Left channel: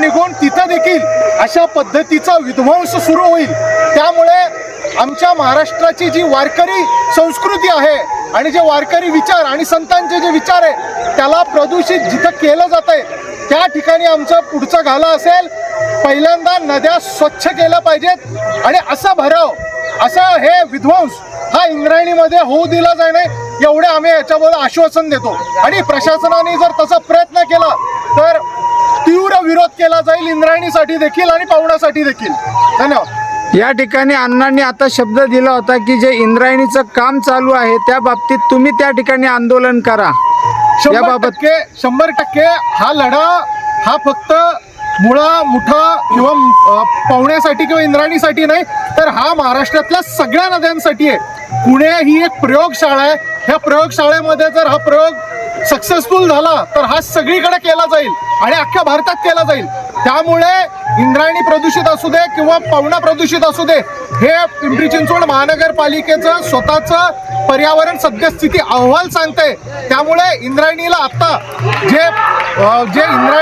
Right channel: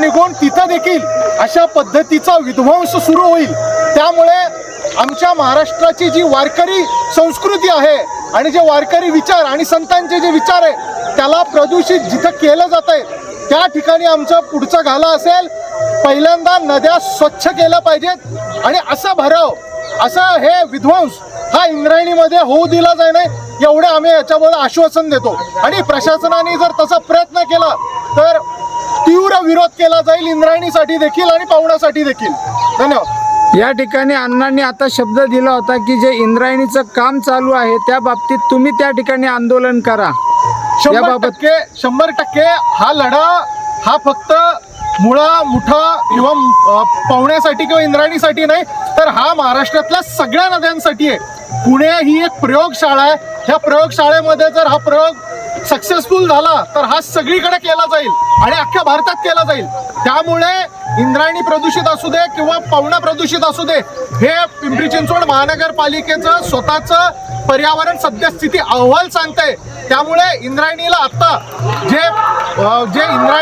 निघून तिथं देखील अशा पद्धतीचा विध्वंस सुरू होईल. त्यामुळे आमच्या महाराष्ट्राची जी वारकरी संस्कृती आहे आणि जे वारकरी विचार आणि संतांचे जे विचार आहे त्याला प्रदूषित जिथं केलं जात आहे त्या ठिकाणी आमचं पुढचं घाला असेल. पहिल्यांदा नद्या स्वच्छ केल्या पाहिजेत आणि असा भराव असं हे विध्वंस हा इंद्रायणीमध्ये होऊ दिला जाय नाही एवढे आम्ही याच्याबद्दल आश्वासन देतो. आणि प्रशासनाने जर तसा प्रयत्न केला तर तीव्र विरोध केला जाईल इंद्रायणीसाठी देखील आणि पाहुण्यासाठी देखील. धन्यवाद. या ठिकाणी अण्णांनी आता शब्द दिला होता की जे इंद्रायणीचं काम चालू आहे त्या बाबतीत तुम्ही त्या ठिकाणी आंदोलन करा. शंभर याबाबत- टक्के शंभर टक्के हा लढा हा फक्त मुळा मुठा किंवा अ, पाहुण्यासाठी किंवा इंद्रायणीसाठी नाही तर हा महाराष्ट्रातल्या सगळ्या नद्यांसाठी आहे. पुणे ही एक प्रयोगशाळा आहे. ह्या प्रयोगशाळेमध्ये जर हा प्रयोग सक्सेसफुल झाला तर हा सगळीकडे केला जाईल आणि अख्ख्या भारतात केला जाईल. त्यामुळे इंद्रायणी प्रदूषित असू दे किंवा पवना प्रदूषित असू दे हे पिंपरी चिंचवड महानगरपालिकेचं स्वतःचं पर्यावरण सद्यस्थिती अहवाल सांगते त्यामुळे इंद्रायणीला आता जे जे इंद्रा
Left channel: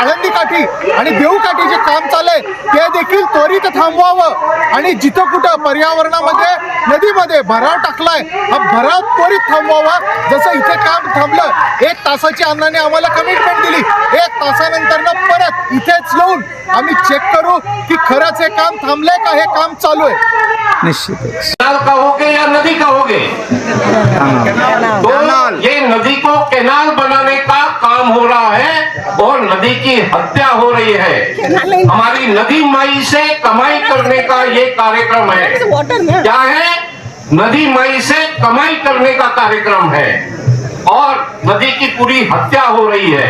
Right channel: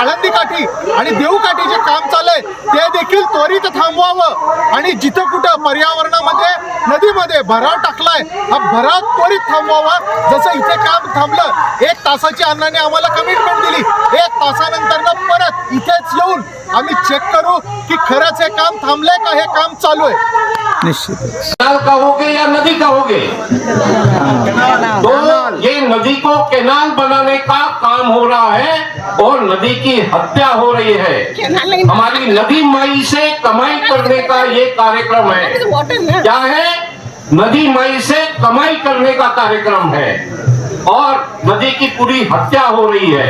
आळंदी काठी आणि देऊ काठी जे काम चाललंय ते देखील त्वरित थांबवावं. आणि जिथं कुठं पर्यावरणामध्ये नदीमध्ये भराव टाकलाय हा भराव त्वरित थांबवावा. जसं इथे काम थांबलं एक तासाची अण्णाने आम्हाला कमिटमेंट दिली. एक तासानंतर परत इथेच येऊन आम्ही चेक करू की खरंच हे काम थांबलंय का हे काम चालू आहे निश्चितच कैनाल कहोगे या नदी कहोगे? तो कैनाल। ये नदी को कैनाल बनाने का काम हो रहा है और नदी की हत्या हो रही है। हमारी नदी माई से कमाई करने का ये कार्यक्रम है। क्या है? नदी माई से कमाई करने का कार्यक्रम है और नदी की पूरी हत्या हो रही है।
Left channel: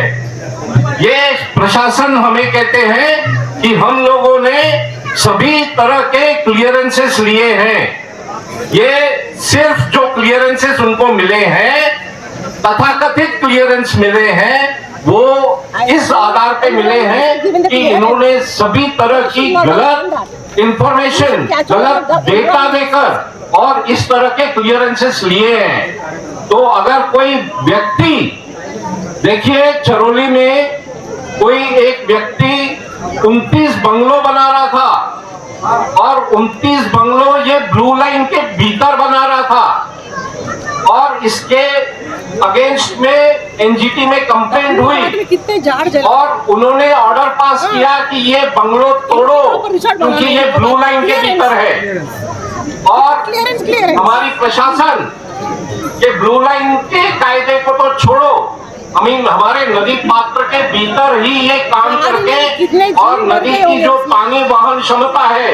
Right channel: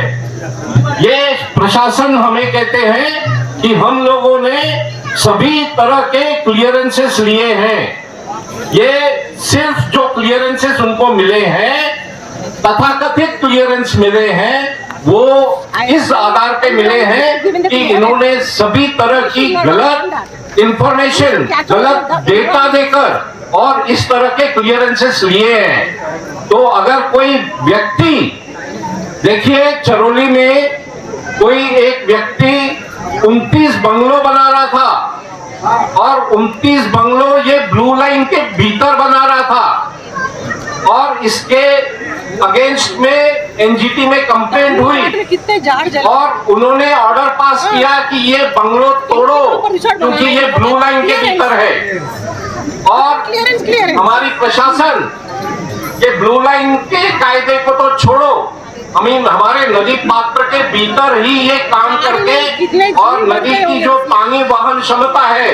ये प्रशासन हमें कहते हैं कि हम लोगों ने सभी तरह के क्लियरेंसेस लिए हैं। ये सिर्फ़ जो क्लियरेंसेस उनको मिले हैं, तथाकथित क्लियरेंस मिले हैं, वो इस आधार पे मिले हैं कि इन्होंने सभी तरह की गलत इंफॉर्मेशन गलत डेटा देकर और इस तरह के क्लियरेंसेस लिए हैं। तो अगर कोई व्यक्ति, देखिए, चरोली में कोई एक व्यक्ति 29 बंगलो बना रहा था। और 29 बंगलो ये ब्लू लाइन के भीतर बना रहा था। और इसके अगेंस्ट में एनजीटी में कंप्लेंट हुई। और उन्होंने ऑर्डर पास किया कि ये बंगलो तोड़ो क्योंकि ये ब्लू लाइन के भीतर है। और है हमारी प्रशासन ये ब्लू लाइन के कायदे को तो छोड़ो। हम हमारे नदी पात्र के भीतर ही ये काम करके और नदी की जो पानी वाहन क्षमता है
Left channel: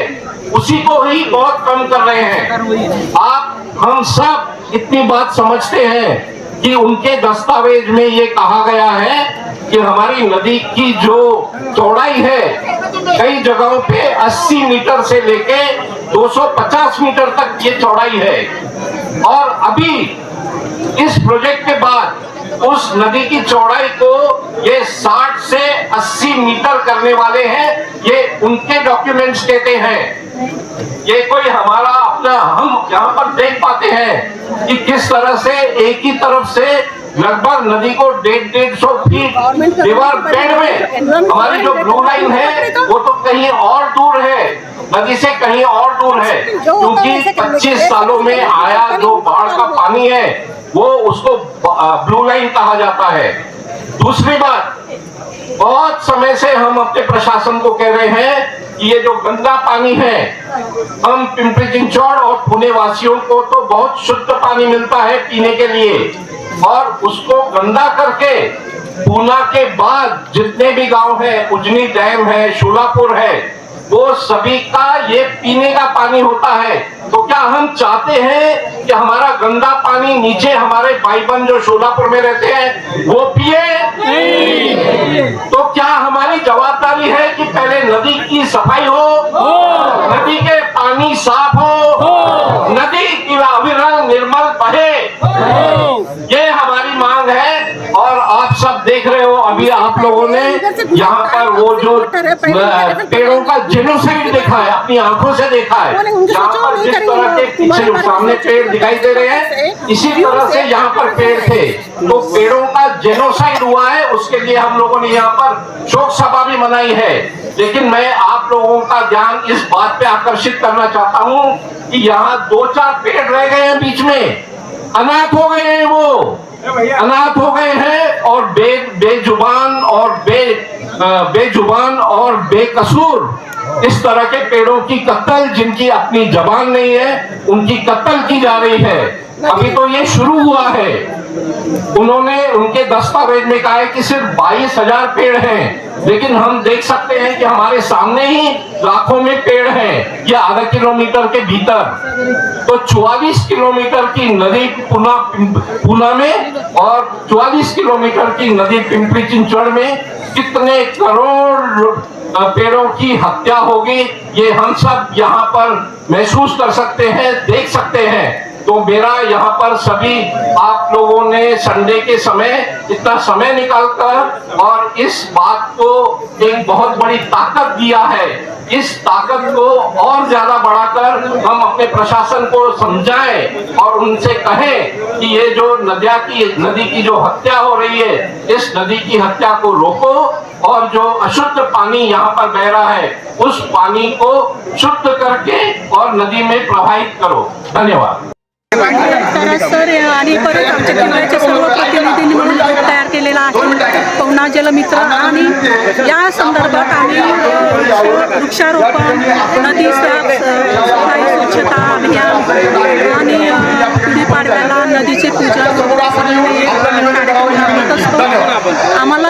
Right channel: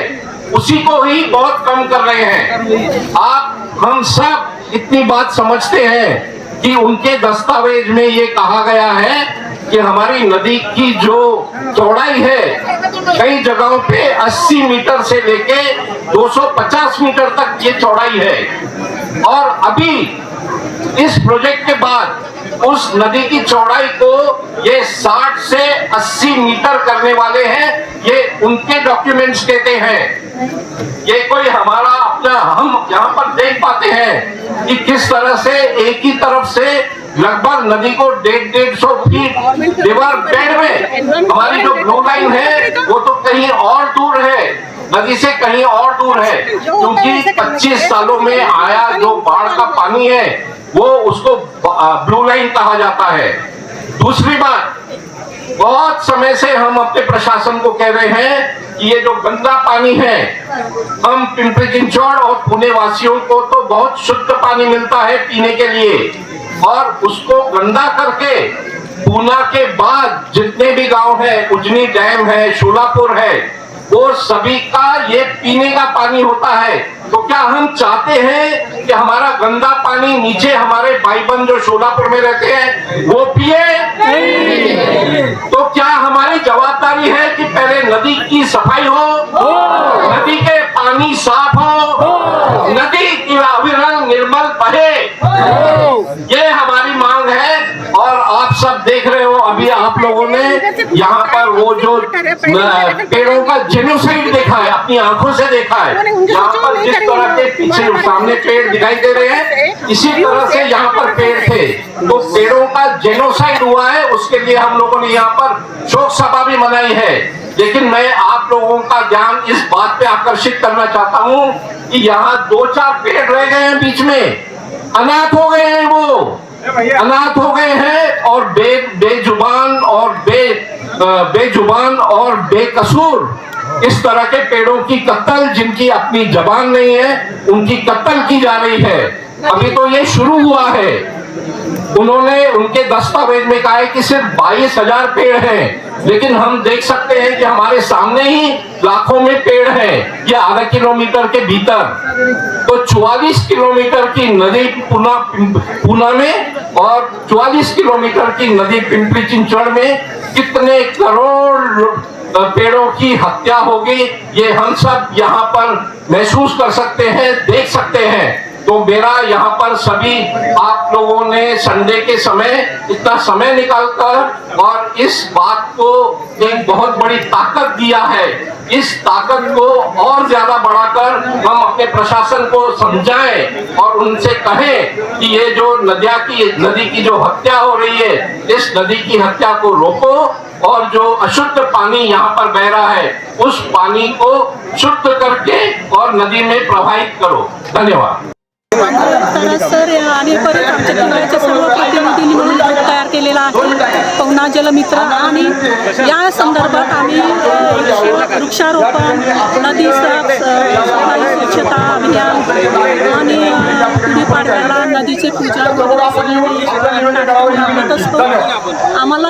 उसी को ही बहुत कम कर रहे हैं। आप हम सब इतनी बात समझते हैं कि उनके दस्तावेज़ में ये कहा गया है कि हमारी नदी की जो चौड़ाई है कई जगहों पे 80 मीटर से लेके 250 मीटर तक ये चौड़ाई है। और अभी इस प्रोजेक्ट के बाद उस नदी की चौड़ाई को ये 60 से 80 मीटर करने वाले हैं, ये उनके डॉक्यूमेंट्स कहते हैं। ये कोई हमारा अपना, हम यहाँ पर देख पाते हैं कि किस तरह से एक ही तरफ़ से लगभग नदी को डेढ़ डेढ़ सौ फीट रिवर बेड में हमारी जो ब्लू लाइन है, वो तो कहीं और दूर है। नदी से कहीं और दूर है, क्योंकि 25 सालों में आया जो बाढ़ का पानी है वो उसको ब्लू लाइन कहा जाता है। दूसरी बात, बहुत समय से हम अपने प्रशासन को कह रहे हैं कि ये जो गंदा पानी है, हम पिंपरी चिंचौड़ और पुणे वासियों को तो बहुत शुद्ध पानी मिलता है पीने के लिए। और उसको गंदा करके, पूना के बाद जितने भी गाँव है, उजनी डैम है, शोलापुर है वो सभी का ये पीने का पानी होता है। तो क्या हम चाहते हैं कि हमारा गंदा पानी नीचे हमारे भाई बहन जो शोलापुर में रहते हैं वो पिए? तो क्या हमारी जवाबदारी है कि पहले नदी की सफ़ाई हो नदी के पानी साफ़ हो नदी की अविरल निर्मल बहे? रहे हो अभी आप लोगों ने यहाँ पर वो जो पेड़ों का जेनोसाइड देखा है अपनी आँखों से देखा है। यहाँ पर जिस तरह के पीछे सामने पेड़ दिखाई दे रहे हैं इसी तरह से यहाँ पर पेड़ थे। तो पेड़ों का जेनोसाइड हुआ है उसके लिए हम लोगों ने यहाँ पर शोक सभा भी मनाई है। लेकिन मैं आप लोगों का ध्यान इस बात पे आकर्षित करना चाहता हूँ कि यहाँ दो चार पेड़ रह गए हैं बीच में। अनाथ हो गए हैं वो। अनाथ हो गए हैं और बे, बेजुबान और बे बेजुबान और बेकसूर। इस तरह के पेड़ों की कत्ल जिनकी अपनी जबान नहीं है, उनकी कत्ल की जा रही है। अभी तो ये शुरू हुआ है। उन्होंने, उनके दस्तावेज़ में कहा है कि सिर्फ़ बाईस हज़ार पेड़ हैं। लेकिन हम देख सकते हैं कि हमारे सामने ही लाखों में पेड़ है, ये आधा किलोमीटर के भीतर। तो 44 किलोमीटर की नदी पुना पुना में और 44 किलोमीटर की नदी पिंपरी चिंचड़ में कितने करोड़ पेड़ों की हत्या होगी, ये हम सब यहाँ पर महसूस कर सकते हैं, देख सकते हैं। तो मेरा यहाँ पर सभी आप लोगों ने संडे के समय इतना समय निकालकर और इस बात को एक बहुत बड़ी ताकत दिया है। इस ताकत को और ज़्यादा बढ़ाकर हम अपने प्रशासन को समझाएँ और उनसे कहें कि ये जो नदिया की, नदी की जो हत्या हो रही है, इस नदी की हत्या को रोको और जो अशुद्ध पानी यहाँ पर बह रहा है, उस पानी को शुद्ध करके और नदी में प्रवाहित करो। धन्यवाद। सर आणि परत आमच्या किल्ल्याच्या सर्व प्रतिनिधींनी म्हणून गट तयार केलेला आहे पवना जलमित्र आणि या संदर्भात आम्ही वृक्षारोपण नदी सफाई स्वच्छता अभियान आणि गुढीपाडव्याला नदीचे पूजा वगैरे सगळे कार्यक्रम करत असतो. आम्हाला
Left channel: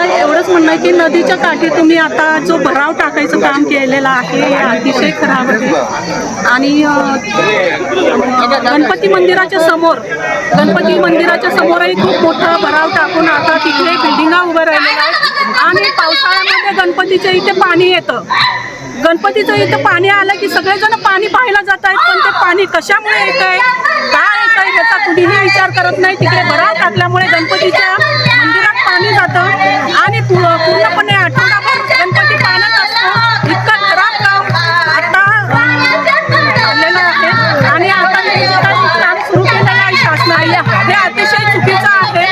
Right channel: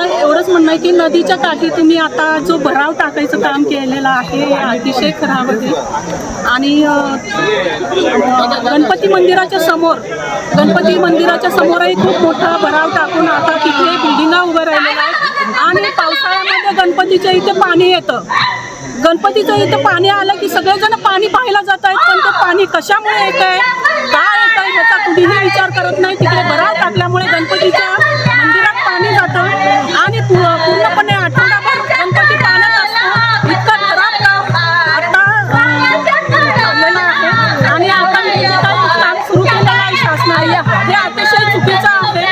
एवढंच म्हणणं आहे की नदीच्या काठी तुम्ही आता जो भराव टाकायचं काम केलेलं आहे अतिशय खराब आहे. आणि गणपती मंदिराच्या समोर गणपती मंदिराच्या समोरही खूप मोठा भराव टाकून आता तिथे बिल्डिंगा उभं राहिलेल्या आहेत आणि पावसाळ्यामध्ये गणपतीच्या इथे पाणी येतं. गणपतीचं इथं पाणी आलं की सगळेजण पाणी पाहायला जात आहेत पण ते पाणी कशामुळे येत आहे काय येत आहे याचा कुणीही विचार करत नाही. तिकडे भराव टाकल्यामुळे गणपतीच्या पूर्णपणे आठवडाभर गणपती पाण्यात असतो. इतकं खराब काम आता झालेलं आहे. आणि आता काम सुरू केलेलं आहे शासनाने. हे अतिशय चुकीचं आहे.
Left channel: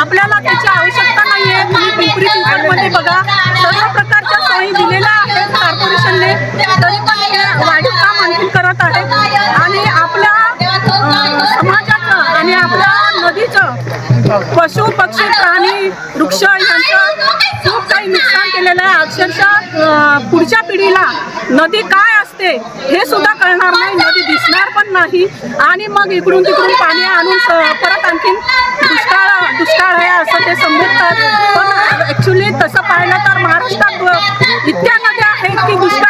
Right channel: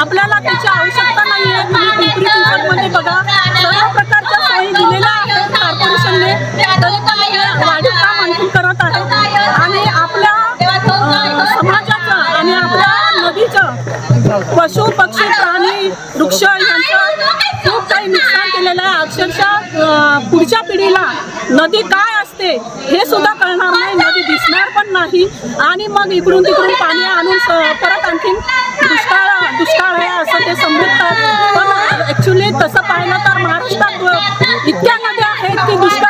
आपल्याला त्याची आवश्यकता नाही आहे तुम्ही पिंपरी चिंचवडमध्ये बघा. सर्व प्रकारच्या सोयी दिलेल्या आहेत कॉर्पोरेशनने तरी पण वाढीव काम आणखी करत आहेत आणि आपल्या समाजाचं आणि आपल्या नदीचं पशु पक्षी प्राणी वृक्ष यांचं खूप काही नुकसान केलेलं आहे अक्षरशः अं, पुढच्या पिढीला नदी काय असते हे सुद्धा कळणार नाही. नदी दिसणार पण नाही. आणि मग इकडून तिकडून पाणी आणून स- परत आणखीन दुष्काळ दुष्काळ आहे असं ते समजतात. पण ॲक्च्युली तसं पाहिलं तर महाराष्ट्रात इतक्या नद्या आहेत की दुष्काळ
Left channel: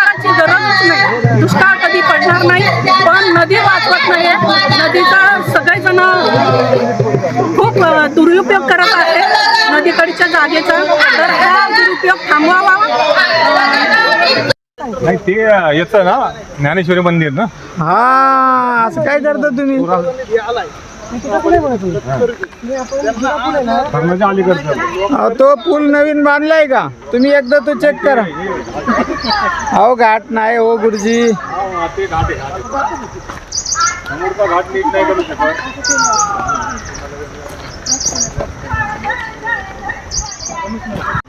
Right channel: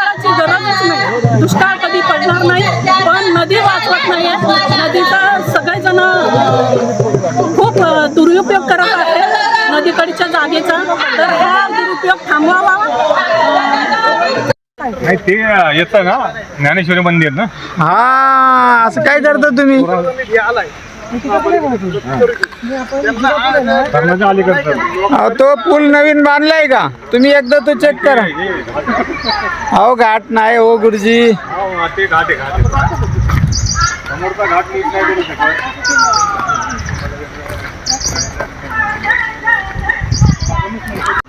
नदीकडच्या जागेचा तर हा दुरुपयोग थांबवावा. नाही ते येतं ना? ज्ञानेश्वरी मंदिर ना? हा असं काय करता तुम्ही? अहो, तो पूल नवीन बांधलाय का? तुम्ही एकदा तो चेक करा. अहो घाट नाही हो गुरुजी. घाट समोरचा नीट नाही करू शकत.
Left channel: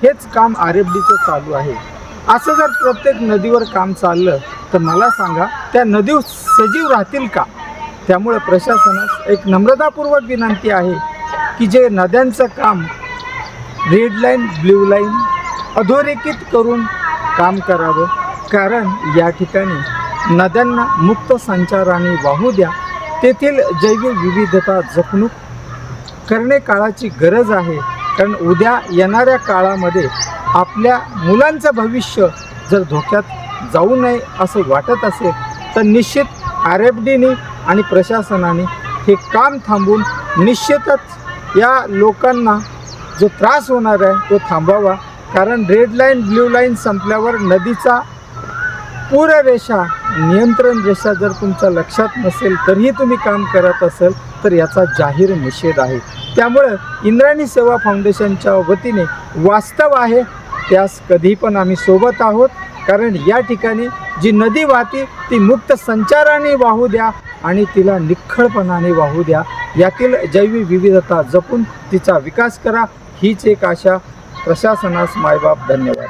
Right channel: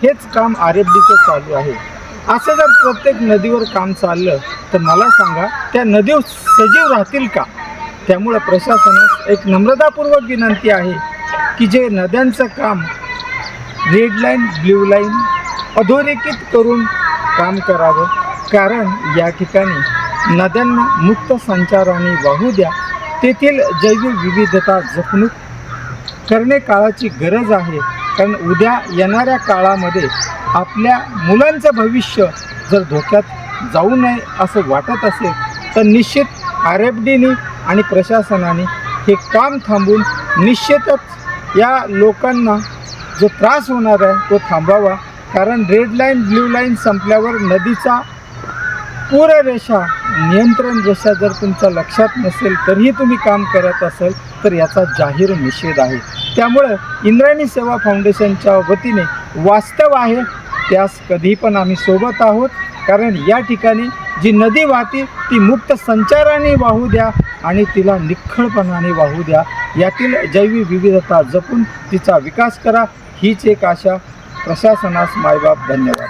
हेच काम आर एफ डीचं चालू आहे. असं जर प्रत्येक नदीवर काम चाललं तर मला सांगा त्या नदी सजीव राहतील का? त्यामुळे प्रशासनास एक नम्रतापूर्वक विनंती आहे की जे नद्यांचं काम रेड लाईन ब्ल्यू लाईन अधोरेखित करून काम करावं. कारण या ठिकाणी नद्यांना मुक्त संचाराने वाहू द्या. तेथील जैवविविधता जपणूक करणे काळाची गरज आहे. कारण उद्या येणाऱ्या काळामध्ये आपल्या मुलांचं भविष्य जर धोक्यात जाऊ नये असं वाटत असेल तर निश्चित आर एफ डीने आणि प्रशासनाने हे काम थांबून निश्चितच या लोकांना जो त्रास होणार आहे तो थांबावा. कारण रेड लाईन ब्ल्यू लाईन संपल्यावर नदीचा पूररेषा नियंत्रण रेषा जर तुमच्या लक्षात नसेल तरीही तुम्ही काम करत असेल तर याचा जाहीर निषेध आहे. त्यामुळं इंद्रायणी सेवा फाउंडेशनच्या वतीने वास्तव आहे त्यास कधी पण आम्ही सोबत आहोत. कारण या ठिकाणी जी नदी वाहते ती मुक्त संचाराने वाहू द्या आणि तिला निखळपणाने वाहू द्या. यातील जैविक विविधता जपून तिचा विकास करा. हीच एक आशा. प्रशासनास मायबाप धन्यवाद.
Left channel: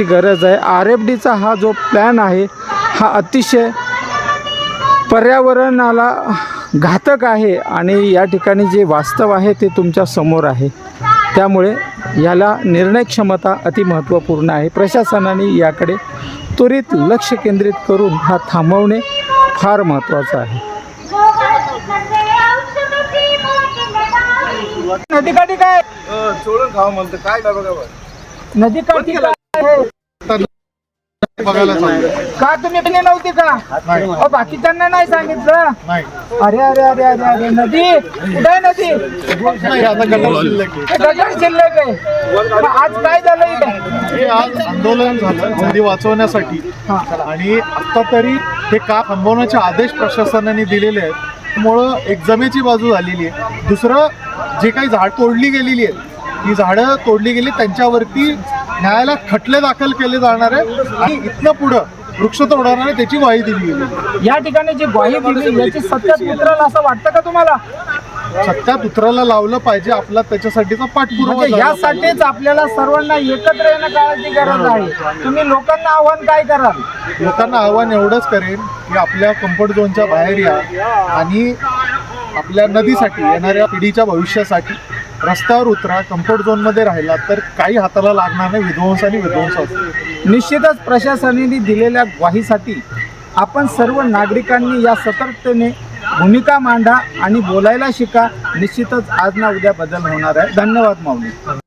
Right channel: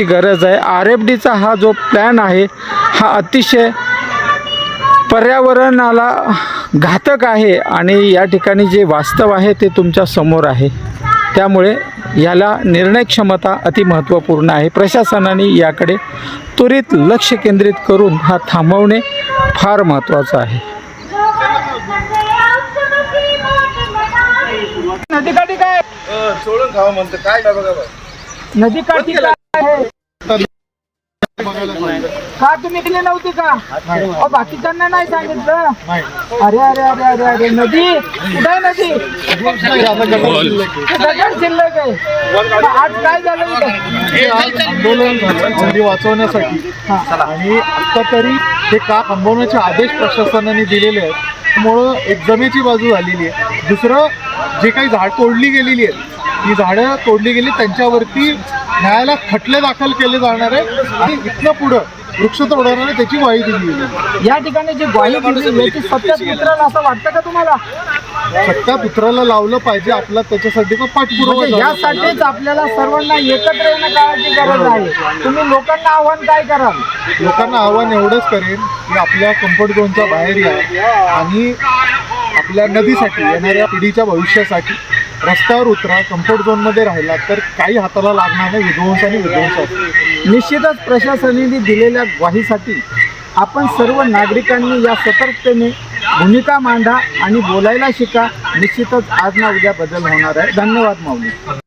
ची गरज आहे. आर एफ डीचा हा जो प्लॅन आहे हा अतिशय पर्यावरणाला घातक आहे आणि या ठिकाणी जे वास्तव आहे ते तुमच्यासमोर आहे. त्यामुळे याला निर्णय क्षमता अतिमहत्त्वपूर्ण आहे. प्रशासनाने याकडे त्वरित लक्ष केंद्रित करून हा थांबवणे फार महत्त्वाचं आहे. नदीकाठी काय? नदीकाठी काय? बघायला. का तुम्ही पिली नव्हती का. अहो, बाकीच्यांना नाही सांगितलं. अरे अरे अरे अरे अरे नदी. कुठे नदी. हे गगन शिल्लक आहे. मग आज काय झालं इथं? हे आज आंदोलन झालं नदी वाचवण्यासाठी. आणि आता तरी हे का थांबवण्याचे आदेश प्रशासनाने दिलेले आहेत. त्यामुळं एक जमेची बाजू झालेली आहे. दुसरं जे काही झाड तोडली गेलेली आहेत ही झाडं तोडली गेली त्यांच्यावरती न्यायालयात खटले दाखल केले जाणार आहे आणि इथनं पुढं वृक्ष तोडवणारे त्याची ग्वाही दिली गेली. या ठिकाणी जी ग्वाही दिली याची सत्यात उतरेल असं वाटतं का तुम्हाला? सत्या पुत्राला लावलं पाहिजे आपला त्याच्यासाठीचा पाठपुरावा म्हणजे. यासाठीच आपल्याला सर्वांना एकत्र येणं काळाची गरज आहे. तुम्ही लोकांना आव्हान काय कराल? लोकांना आव्हान एवढंच करेन की आपल्या कम्फर्ट झोनच्या बाहेर या आणि आपल्या नदीसाठी येणाऱ्या पिढीच्या भविष्यासाठी रस्त्यावर उतरा कम्फर्ट झोनमध्ये राहिला तर काही हाताला लागणार नाही विध्वंस आणि विध्वंस निश्चितच प्रशासनाने दिलेल्या ग्वाहीसाठी आपण सर्व नागरिकांनी या सतर्कतेने भूमिका मांडा आणि बोलायला शिका. निश्चितच आज ना उद्या बदल होणार आहे. धन्यवाद माऊली.